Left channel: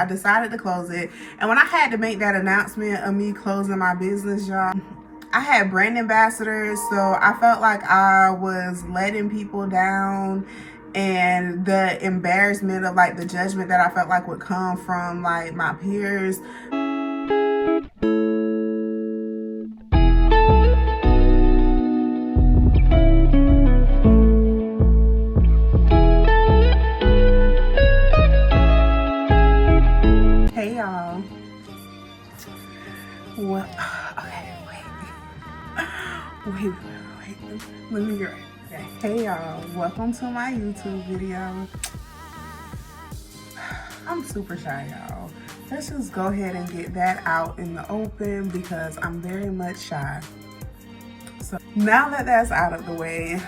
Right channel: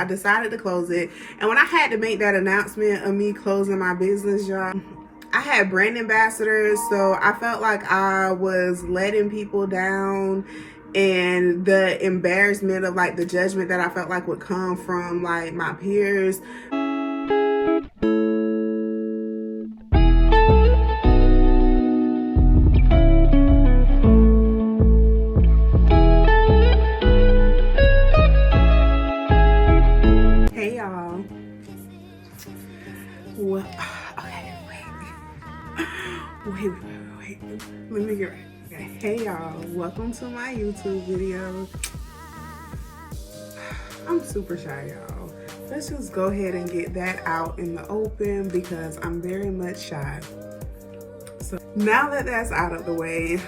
I decided to close it. And when I had to make that announcement of me closing my business, y'all, I had brand ambassadors, so I felt like I was letting people down, and the embarrassment of like the judgment that I felt like would come from like my peers. Hey y'all. What? Okay, wait. Let me get right. Okay. Hey y'all, welcome to my YouTube video. I'm super shy, y'all. Let's just go ahead and get that out in the open because I'm very much shy. So now that that's out of the way,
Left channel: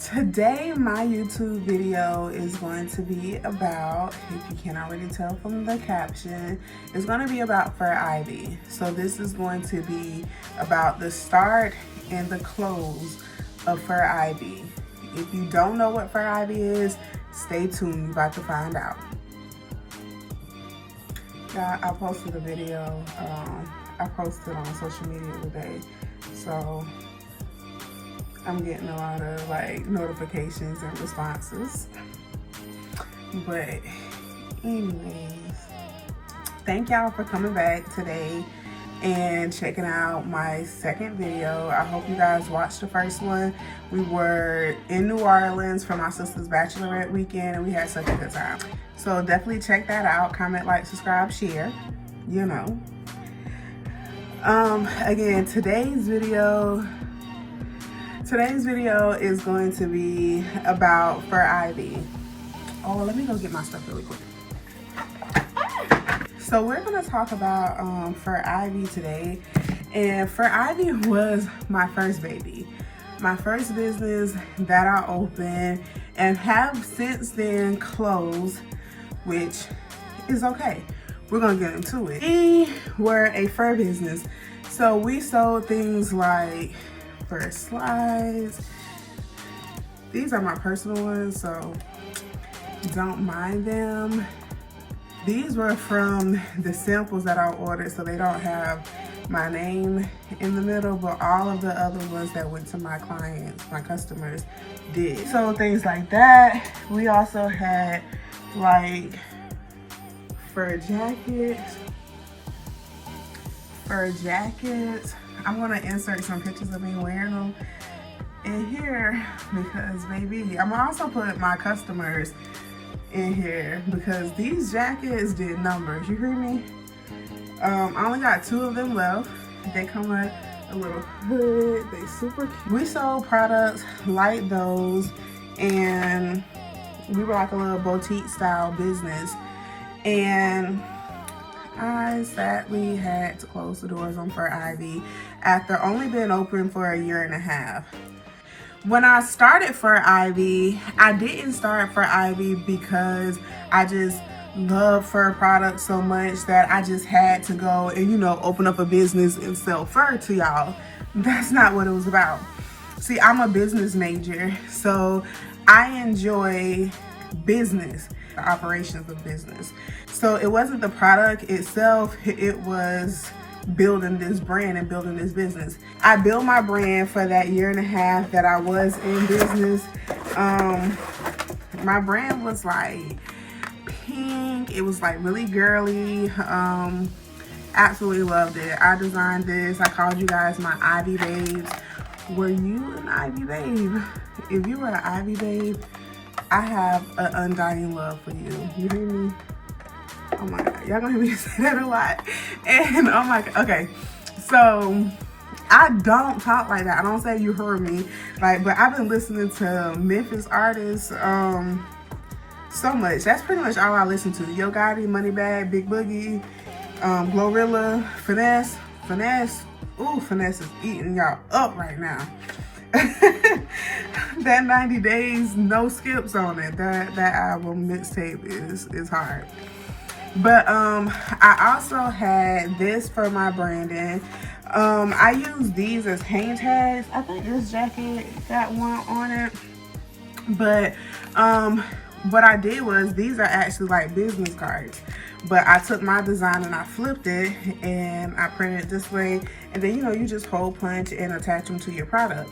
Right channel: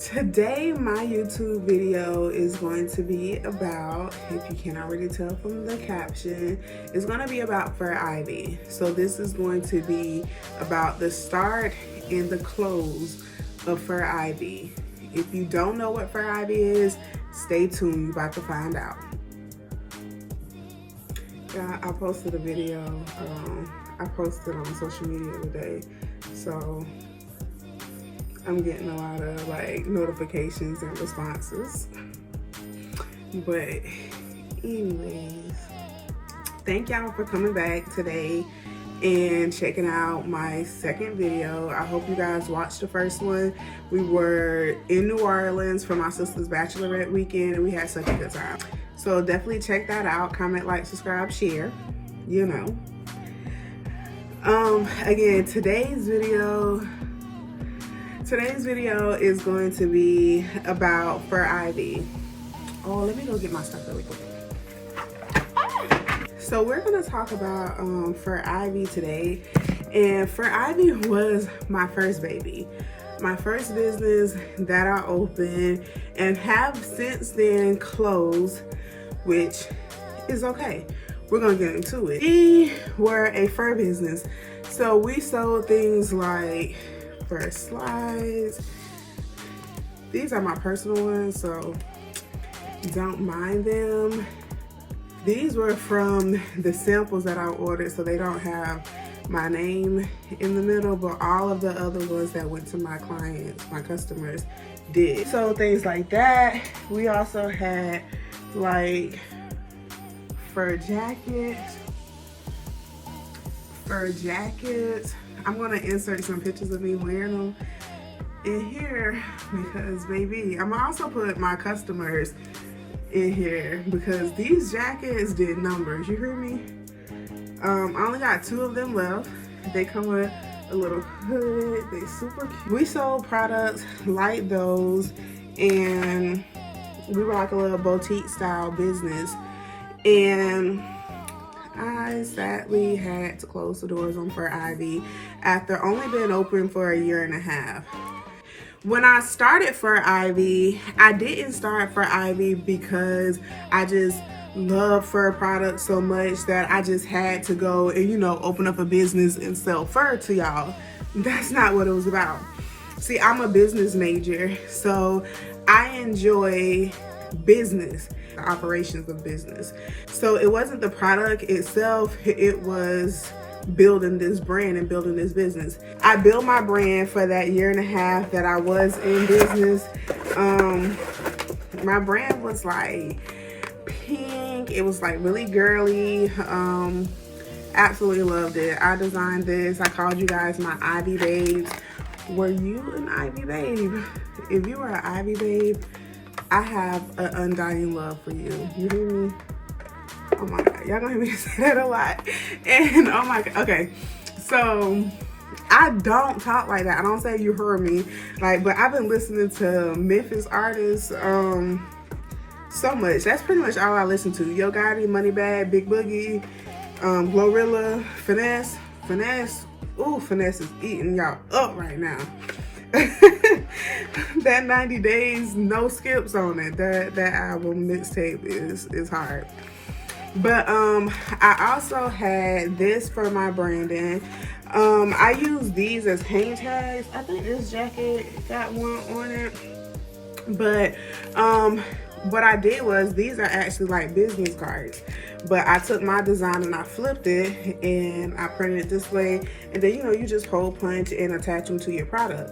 today my YouTube video is going to be about, if you can't already tell from the caption, it's going to be about Fur Ivy. So this is going to be about the start and the close of Fur Ivy. If you don't know what Fur Ivy is, stay tuned, you're about to find out. Yeah, I posted a video, I posted on social media today, so I'm getting a lot of like notifications and responses. But anyways, thank y'all for coming back today and checking out my second video. I hope you guys watched the first one. We were in New Orleans for my sister's bachelorette weekend and we had such a good time. So definitely check that out. Comment, like, subscribe, share, you know. Again, today's video is going to be about Fur Ivy. Oh, let me go get my stuff really quick. So we're gonna talk about Fur Ivy today. And Fur Ivy was my first baby. My first business that I opened and have since then closed, which is okay. We're gonna get into it. We were a fur business. So we sold things like fur slides. These are my personal ones, so don't mind them. These were from the samples that I ordered, so they don't have my name in the middle, but all of the other ones that went to my clients, my customers, did. So things like that. We also had like fur jackets. I'm gonna insert some pictures of me wearing them in here because baby, I'm gonna also put my customers in here because these jackets did numbers, you hear me? I only got 2 of them left. They come with a little hood, they super cute. We sold products like those and we were like a little boutique style business, and I sadly had to close the doors on Fur Ivy after only being open for a year and a half. When I started Fur Ivy, I didn't start Fur Ivy because I just love fur products so much that I just had to go and, you know, open up a business and sell fur to y'all. That's not what it was about. See, I'm a business major, so I enjoy business, the operations of business. So it wasn't the product itself, it was building this brand and building this business. I built my brand for that year and a half that I was in business. My brand was like pink, it was like really girly. Absolutely loved it. I designed this. I called you guys my Ivy babes. Were you an Ivy babe? If you were an Ivy babe, I have an undying love for you. You hear me? Oh my God, y'all gonna hear me say that a lot. And oh my God, okay. So I don't talk like that. I don't say you heard me. Like, but I've been listening to Memphis artists so much. That's pretty much all I listen to. Yo Gotti, Moneybag, Big Boogie, Glorilla, Finesse. Ooh, Finesse is eating y'all up right now. That 90 days, no skips on it. That album mixtape is hard. But I also had this for my branding. I use these as hang tags. I think this jacket got one on it. But what I did was, these are actually like business cards, but I took my design and I flipped it and I printed it this way, and then you just hole punch and attach them to your product.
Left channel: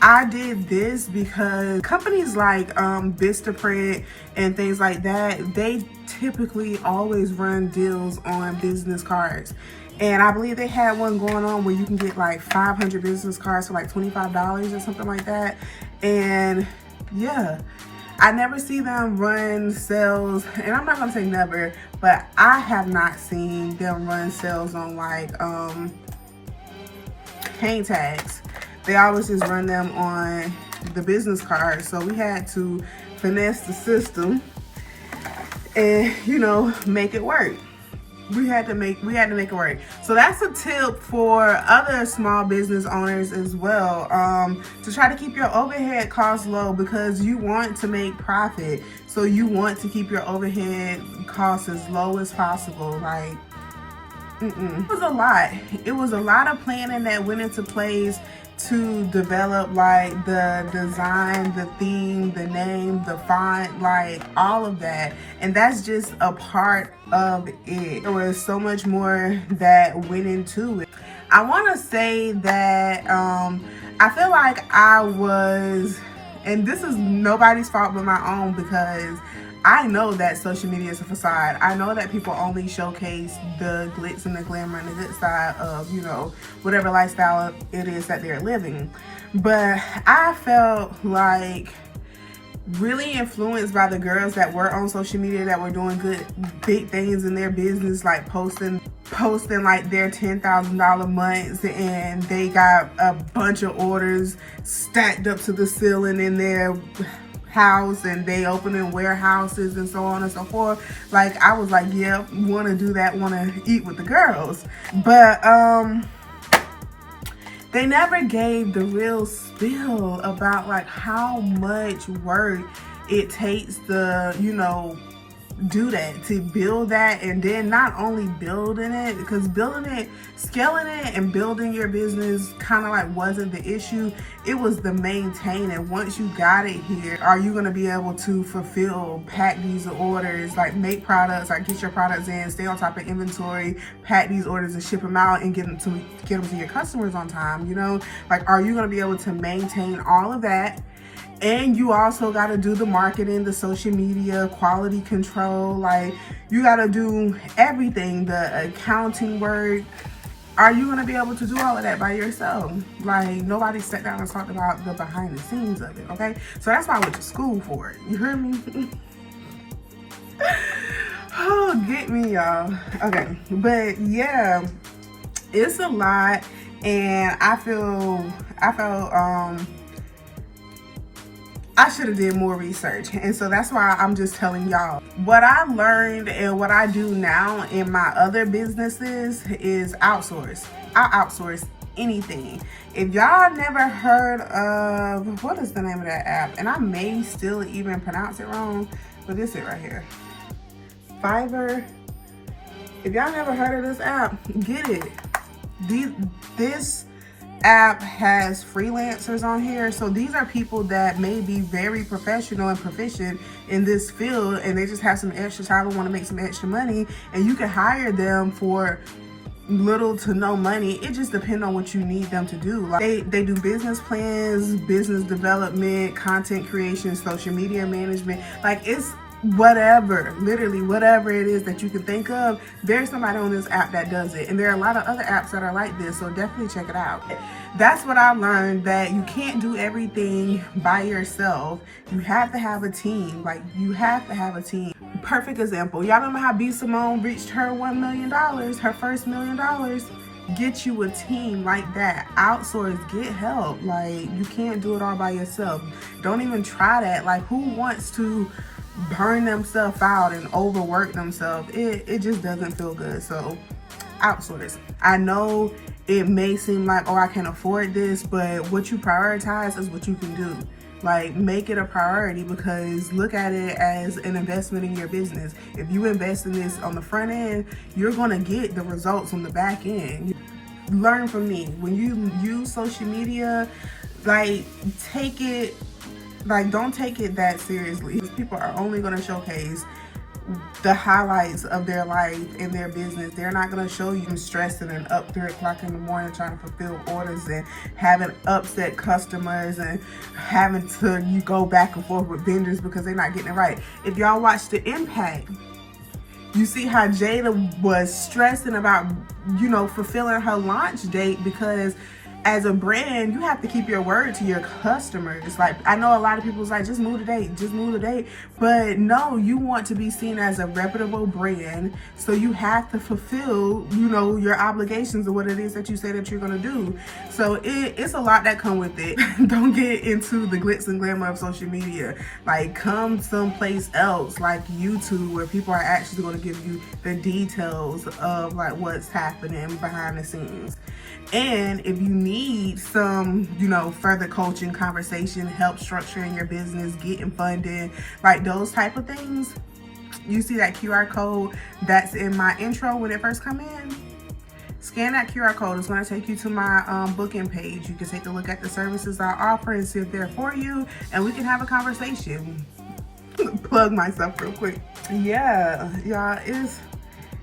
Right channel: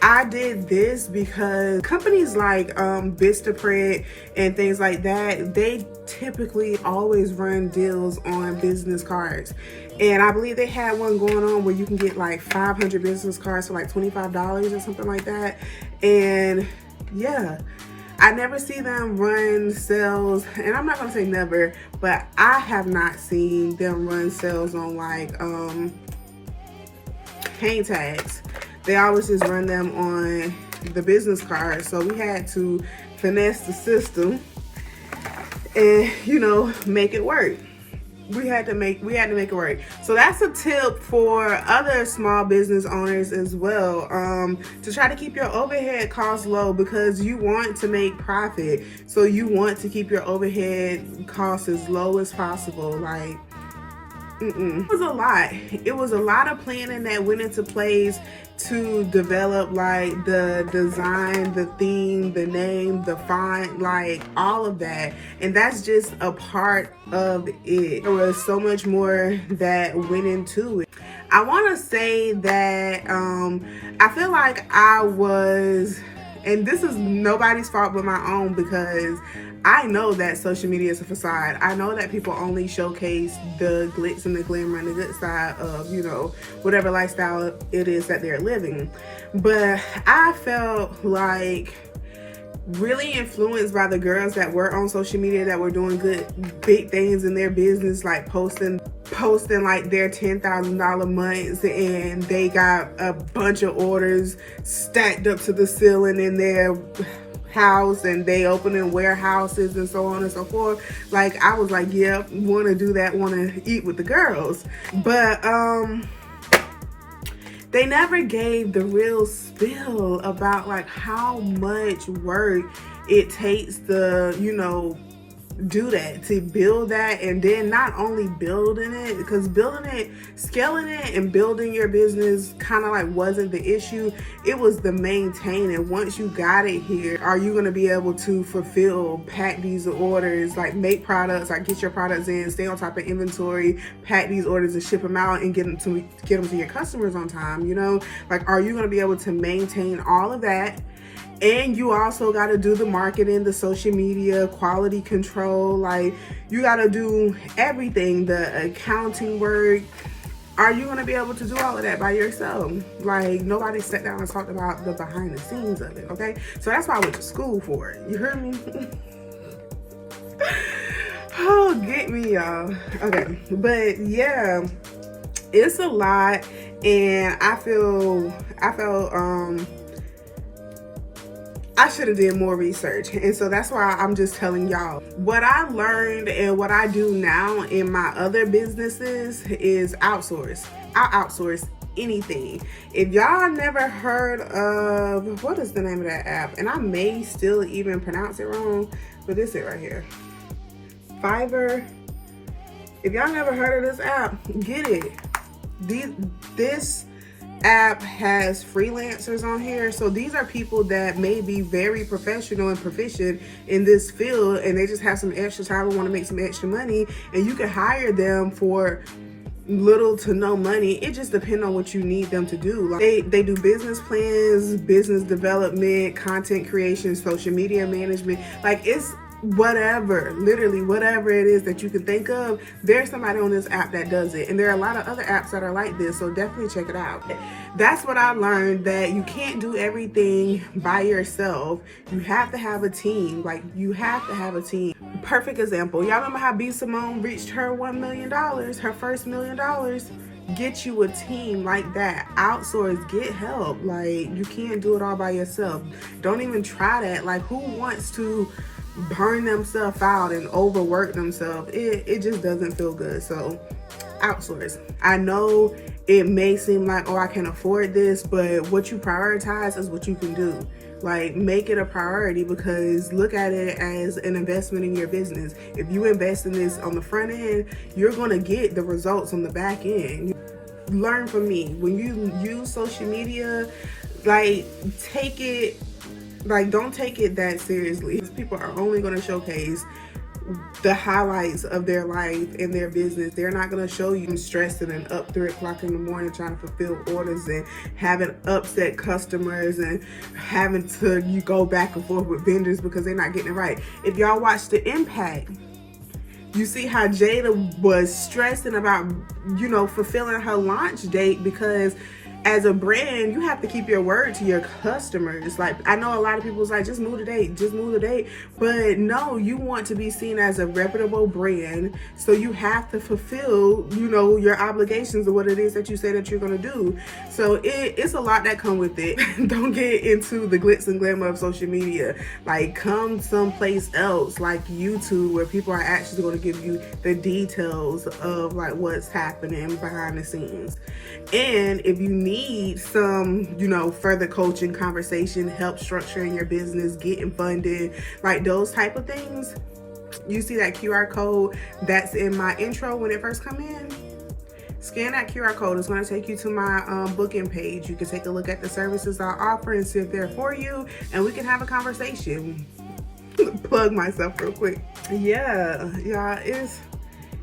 I did this because companies like Vistaprint and things like that, they typically always run deals on business cards. And I believe they had one going on where you can get like 500 business cards for like $25 or something like that. And yeah, I never see them run sales, and I'm not gonna say never, but I have not seen them run sales on like hang tags. They always just run them on the business cards. So we had to finesse the system and make it work. We had to make it work. So that's a tip for other small business owners as well, to try to keep your overhead costs low, because you want to make profit. So you want to keep your overhead costs as low as possible. Like, it was a lot. It was a lot of planning that went into place to develop like the design, the theme, the name, the font, like all of that. And that's just a part of it. There was so much more that went into it. I want to say that I feel like I was, and this is nobody's fault but my own, because I know that social media is a facade. I know that people only showcase the glitz and the glamour and the good side of, whatever lifestyle it is that they're living. But I felt like really influenced by the girls that were on social media that were doing good, big things in their business, like posting like their $10,000 months, and they got a bunch of orders stacked up to the ceiling in their house, and they opening warehouses and so on and so forth. Like, I was like, yeah, want to do that, want to eat with the girls. But they never gave the real spill about like how much work it takes to, do that, to build that. And then not only building it, because building it, scaling it and building your business kind of like wasn't the issue. It was the maintaining. Once you got it here, are you going to be able to fulfill, pack these orders, like make products, like get your products in, stay on top of inventory, pack these orders and ship them out and get them to your customers on time? Like, are you going to be able to maintain all of that? And you also got to do the marketing, the social media, quality control. Like, you got to do everything, the accounting work. Are you going to be able to do all of that by yourself? Like, nobody sat down and talked about the behind the scenes of it, okay? So that's why I went to school for it. You heard me? Oh, get me, y'all. Okay, but yeah, it's a lot, and I felt I should have did more research. And so that's why I'm just telling y'all. What I learned and what I do now in my other businesses is outsource. I outsource anything. If y'all never heard of, what is the name of that app? And I may still even pronounce it wrong, but this is it right here. Fiverr. If y'all never heard of this app, get it. This app has freelancers on here. So these are people that may be very professional and proficient in this field, and they just have some extra time and want to make some extra money, and you can hire them for little to no money. It just depends on what you need them to do. Like, they do business plans, business development, content creation, social media management. Like, it's whatever, literally whatever it is that you can think of, there's somebody on this app that does it. And there are a lot of other apps that are like this, so definitely check it out. That's what I learned, that you can't do everything by yourself. You have to have a team. Like, you have to have a team. Perfect example, y'all remember how B. Simone reached her $1 million, her first $1 million? Get you a team like that. Outsource, get help. Like, you can't do it all by yourself. Don't even try that. Like, who wants to burn themselves out and overwork themselves? It just doesn't feel good. So outsource. I know it may seem like, oh, I can't afford this, but what you prioritize is what you can do. Like, make it a priority, because look at it as an investment in your business. If you invest in this on the front end, you're going to get the results on the back end. Learn from me. When you use social media, like, take it Like, don't take it that seriously. People are only going to showcase the highlights of their life and their business. They're not going to show you stressing and up 3 o'clock in the morning trying to fulfill orders and having upset customers and having to you go back and forth with vendors because they're not getting it right. If y'all watch The Impact, you see how Jada was stressing about, you know, fulfilling her launch date, because as a brand, you have to keep your word to your customers. Like, I know a lot of people was like, just move the date, just move the date. But no, you want to be seen as a reputable brand. So you have to fulfill, you know, your obligations of what it is that you say that you're going to do. So it's a lot that come with it. Don't get into the glitz and glamour of social media. Like, come someplace else, like YouTube, where people are actually going to give you the details of like what's happening behind the scenes. And if you need some, you know, further coaching, conversation, help structuring your business, getting funded, like those type of things, you see that QR code that's in my intro when it first come in? Scan that QR code. It's going to take you to my booking page. You can take a look at the services I offer and see if they're for you, and we can have a conversation. Plug myself real quick. Yeah,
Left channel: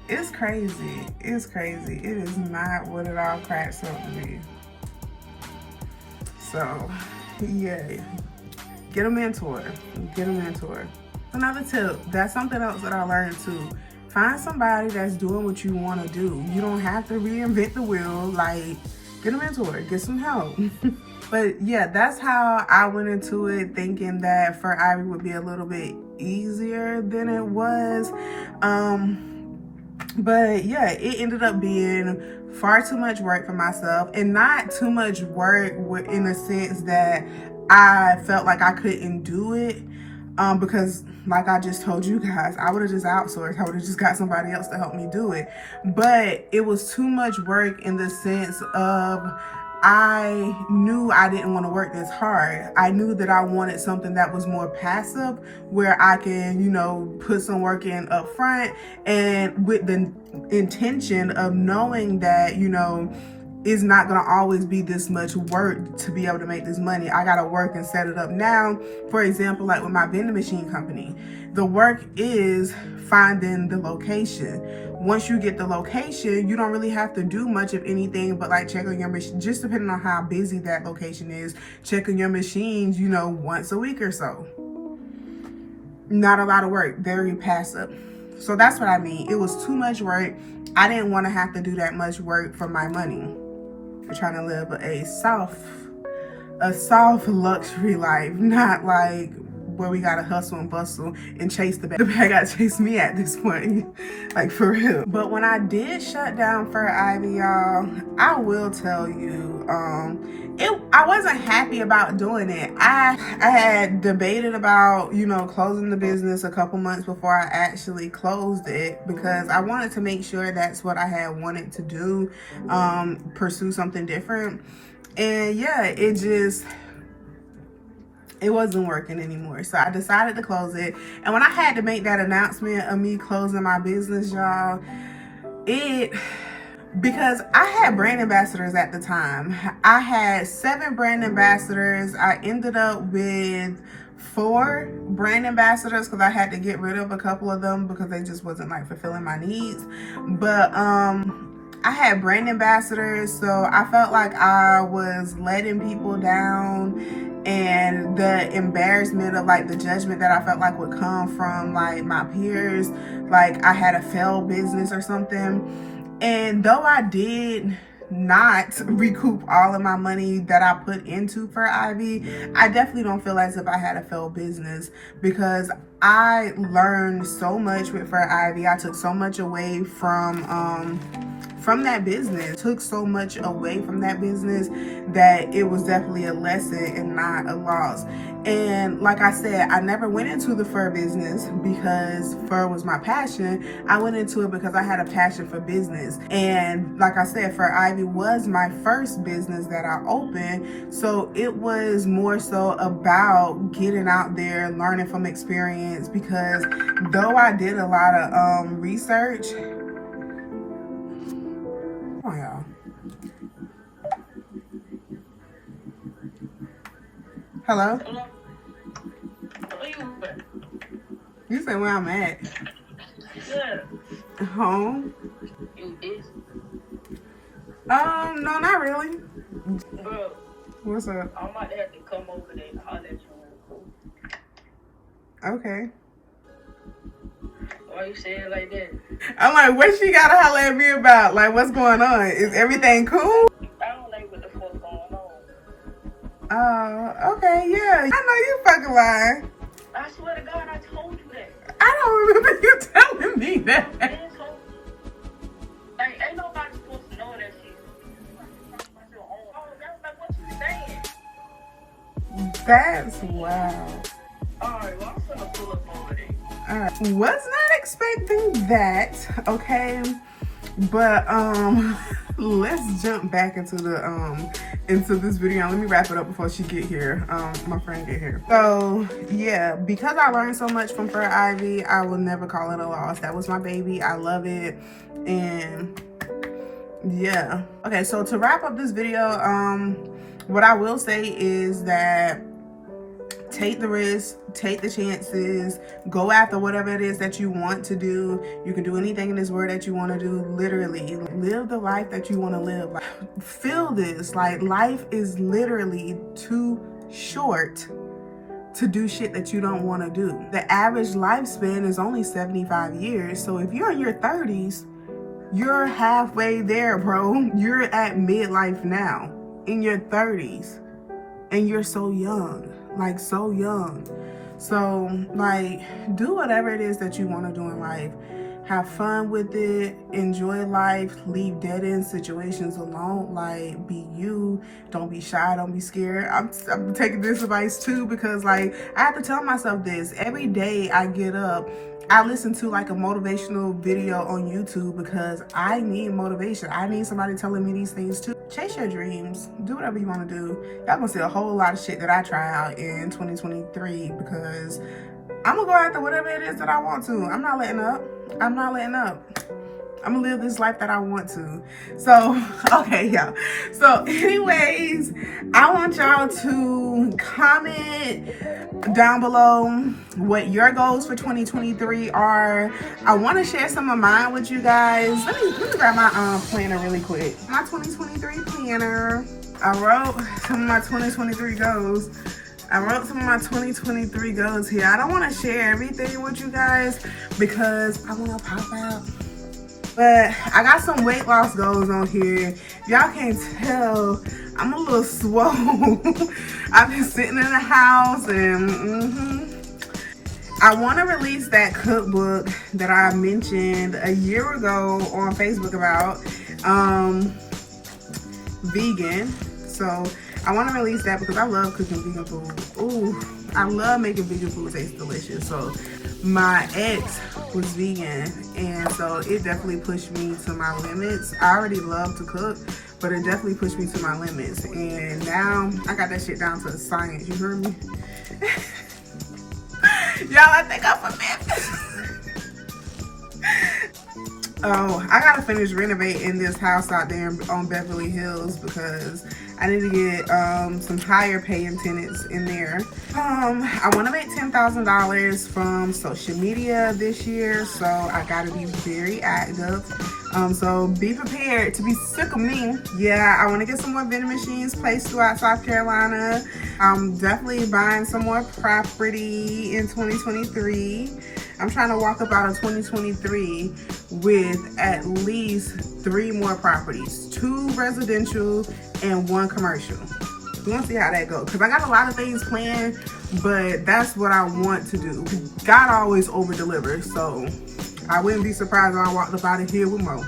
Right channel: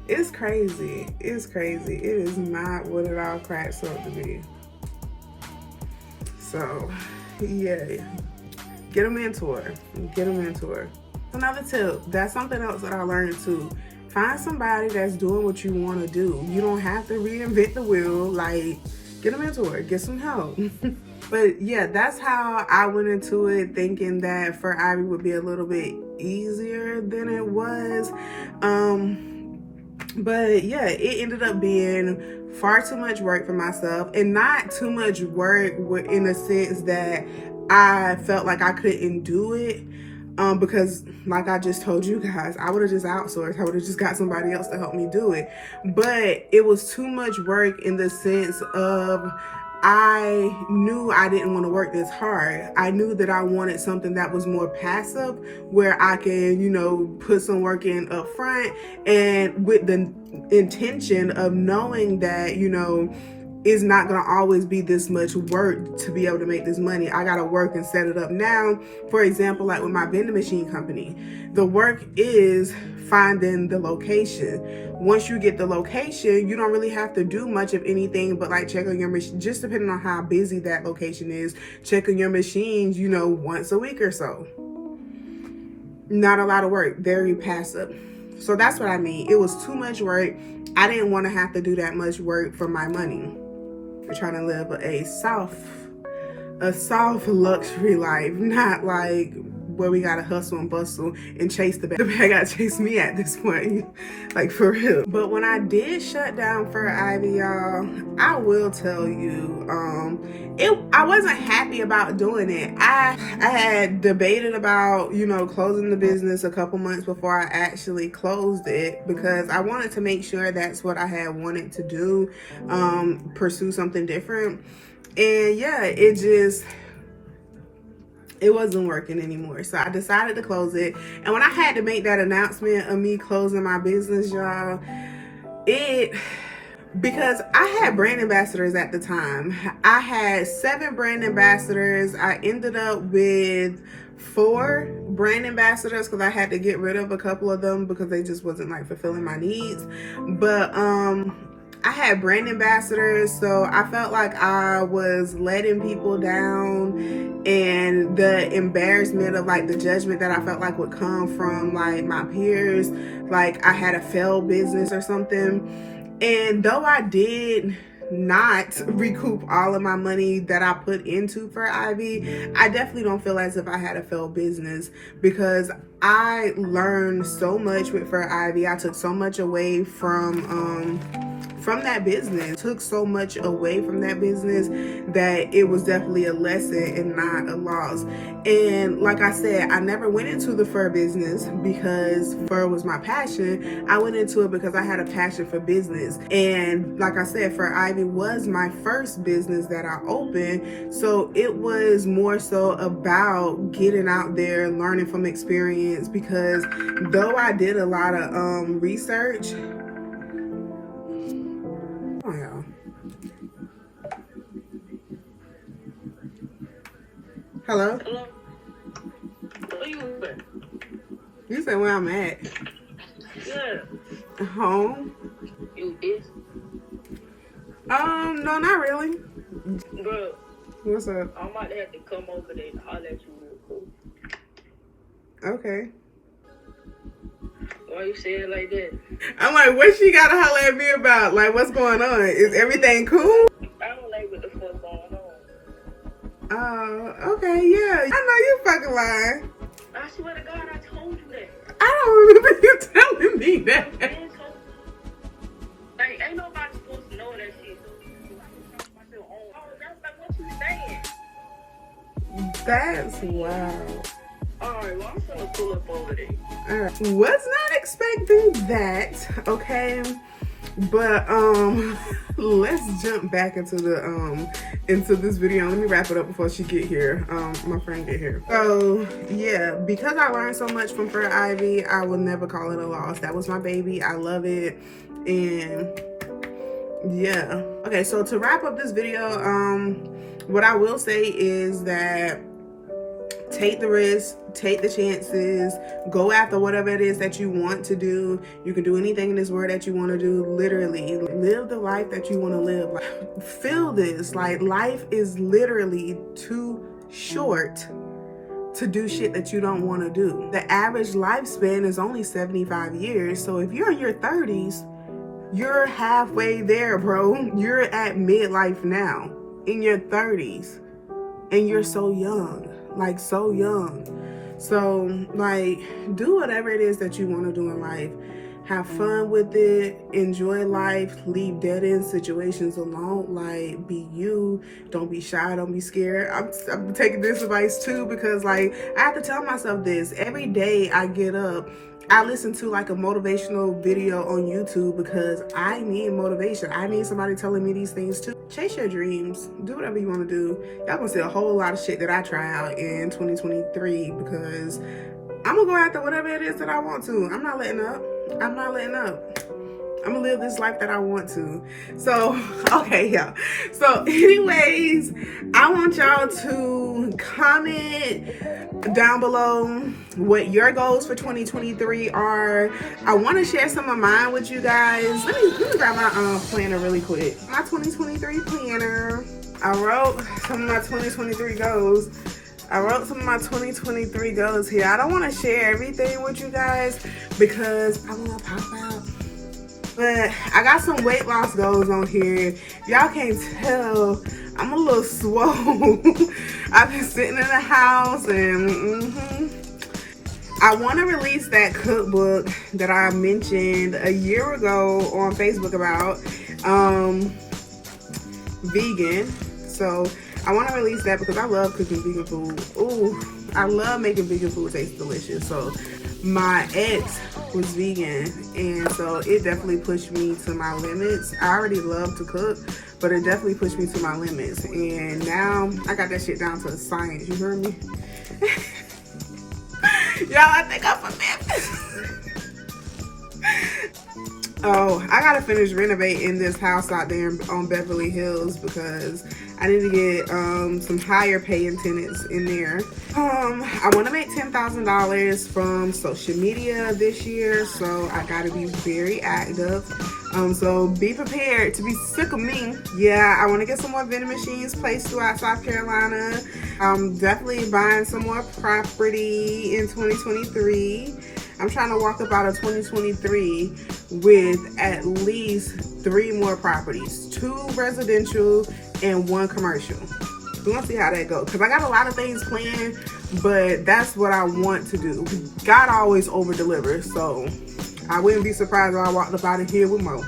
it's crazy. It's crazy. It is not what it all cracks up to be. So, yeah. Get a mentor. Get a mentor. Another tip. That's something else that I learned too. Find somebody that's doing what you want to do. You don't have to reinvent the wheel. Like, get a mentor. Get some help. But yeah, that's how I went into it, thinking that for Ivy would be a little bit easier than it was. But yeah, it ended up being far too much work for myself, and not too much work in the sense that I felt like I couldn't do it. Because like I just told you guys, I would have just outsourced. I would have just got somebody else to help me do it. But it was too much work in the sense of I knew I didn't want to work this hard. I knew that I wanted something that was more passive, where I can, you know, put some work in up front, and with the intention of knowing that, you know, it's not going to always be this much work to be able to make this money. I got to work and set it up now. For example, like with my vending machine company, the work is finding the location. Once you get the location, you don't really have to do much of anything but like check on your machine, just depending on how busy that location is, check on your machines, you know, once a week or so. Not a lot of work, very passive. So that's what I mean. It was too much work. I didn't want to have to do that much work for my money. I'm trying to live a soft luxury life, not like where we gotta hustle and bustle and chase the bag. The bag gotta chase me at this point, like for real. But when I did shut down for Ivy, y'all, I will tell you, I wasn't happy about doing it. I had debated about, you know, closing the business a couple months before I actually closed it, because I wanted to make sure that's what I had wanted to do, pursue something different. And yeah, it wasn't working anymore. So I decided to close it. And when I had to make that announcement of me closing my business, y'all, because I had brand ambassadors at the time. I had 7 brand ambassadors. I ended up with 4 brand ambassadors because I had to get rid of a couple of them because they just wasn't like fulfilling my needs. But I had brand ambassadors, so I felt like I was letting people down, and the embarrassment of like the judgment that I felt like would come from like my peers, like I had a failed business or something. And though I did not recoup all of my money that I put into for Ivy, I definitely don't feel as if I had a failed business, because I learned so much with for Ivy. I took so much away from that business, took so much away from that business that it was definitely a lesson and not a loss. And like I said, I never went into the fur business because fur was my passion. I went into it because I had a passion for business. And like I said, Fur Ivy was my first business that I opened. So it was more so about getting out there, learning from experience, because though I did a lot of research, hello? You said where I'm at? Yeah. Home? You did? No, not really. Bro. What's up? I'm about to have to come over there and holler at you real quick. Okay. Why you say it like that? I'm like, what she gotta holler at me about? Like, what's going on? Is everything cool? I don't like what the fuck going on. Oh, okay, yeah. I know you fucking lying. I swear to God, I told you that. I don't remember you telling me that. I ain't told you. Like, ain't nobody supposed to know that shit. Oh, that's like what you saying. That's wild. Alright, well, I'm gonna pull up over there. Alright, was not expecting that, okay? But let's jump back into the into this video. Let me wrap it up before she get here. My friend get here. So yeah, because I learned so much from Fur Ivy, I will never call it a loss. That was my baby. I love it. And yeah. Okay, so to wrap up this video, what I will say is that take the risk, take the chances, go after whatever it is that you want to do. You can do anything in this world that you want to do. Literally, live the life that you want to live. Like, feel this. Like, life is literally too short to do shit that you don't want to do. The average lifespan is only 75 years. So if you're in your 30s, you're halfway there, bro. You're at midlife now, in your 30s, and you're so young. Like, so young. So, like, do whatever it is that you want to do in life. Have fun with it. Enjoy life. Leave dead-end situations alone. Like, be you. Don't be shy. Don't be scared. I'm taking this advice, too, because, like, I have to tell myself this. Every day I get up, I listen to, like, a motivational video on YouTube because I need motivation. I need somebody telling me these things, too. Chase your dreams. Do whatever you want to do. Y'all gonna see a whole lot of shit that I try out in 2023 because I'm gonna go after whatever it is that I want to. I'm not letting up. I'm not letting up. I'm gonna live this life that I want to. So, okay, y'all. So, anyways, I want y'all to comment down below what your goals for 2023 are. I want to share some of mine with you guys. Let me grab my planner really quick. My 2023 planner. I wrote some of my 2023 goals. I wrote some of my 2023 goals here. I don't want to share everything with you guys because I want to pop out. But I got some weight loss goals on here. Y'all can't tell, I'm a little swole. I've been sitting in the house and I want to release that cookbook that I mentioned a year ago on Facebook about vegan. So I want to release that because I love cooking vegan food. Ooh, I love making vegan food taste delicious. So my ex was vegan, and so it definitely pushed me to my limits. I already love to cook, but it definitely pushed me to my limits. And now I got that shit down to a science. You heard me? Y'all, I think I'm a mess. Oh, I gotta finish renovating this house out there on Beverly Hills because I need to get some higher paying tenants in there. I want to make $10,000 from social media this year, so I gotta be very active. So be prepared to be sick of me. Yeah, I want to get some more vending machines placed throughout South Carolina. I'm definitely buying some more property in 2023. I'm trying to walk up out of 2023 with at least 3 more properties, 2 residential and 1 commercial. We want to see how that goes because I got a lot of things planned, but that's what I want to do. God always over delivers, so I wouldn't be surprised if I walked up out of here with more.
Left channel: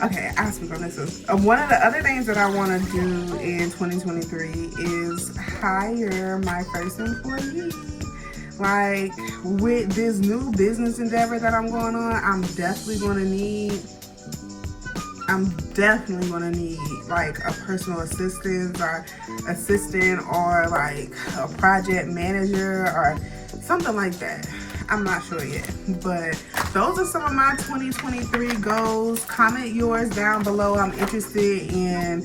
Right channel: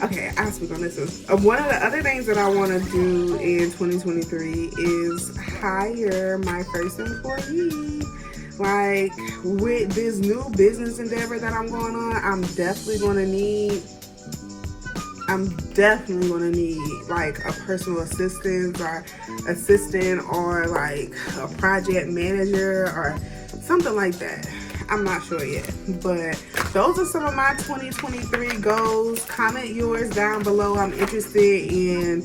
Okay, I'll speak on this one. One of the other things that I want to do in 2023 is hire my first employee. Like, with this new business endeavor that I'm going on, I'm definitely going to need like a personal assistant or like a project manager or something like that. I'm not sure yet, but those are some of my 2023 goals. Comment yours down below. I'm interested in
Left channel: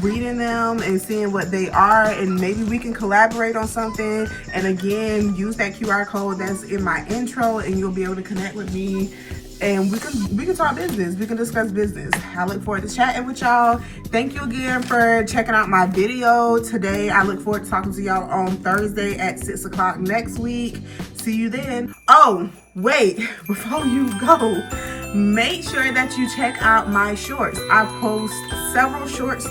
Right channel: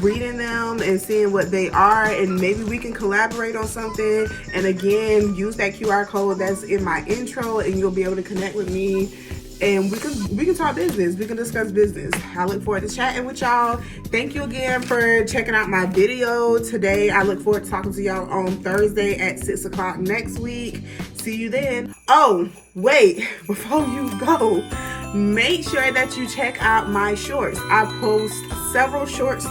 reading them and seeing what they are, and maybe we can collaborate on something. And again, use that QR code that's in my intro and you'll be able to connect with me, and we can talk business. We can discuss business. I look forward to chatting with y'all. Thank you again for checking out my video today. I look forward to talking to y'all on Thursday at 6 o'clock next week. See you then. Oh, wait, before you go, make sure that you check out my shorts. I post several shorts.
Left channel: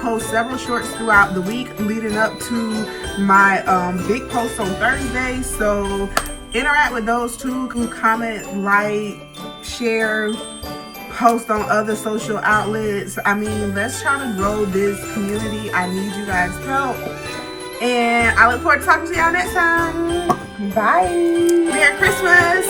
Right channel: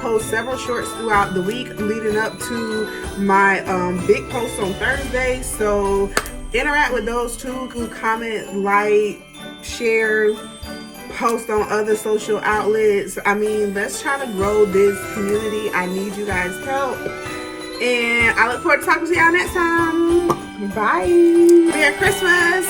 Post several shorts throughout the week leading up to my big post on Thursday. So interact with those too. Comment, like, share, post on other social outlets. I mean, let's try to grow this community. I need you guys' help. And I look forward to talking to y'all next time. Bye. Merry Christmas.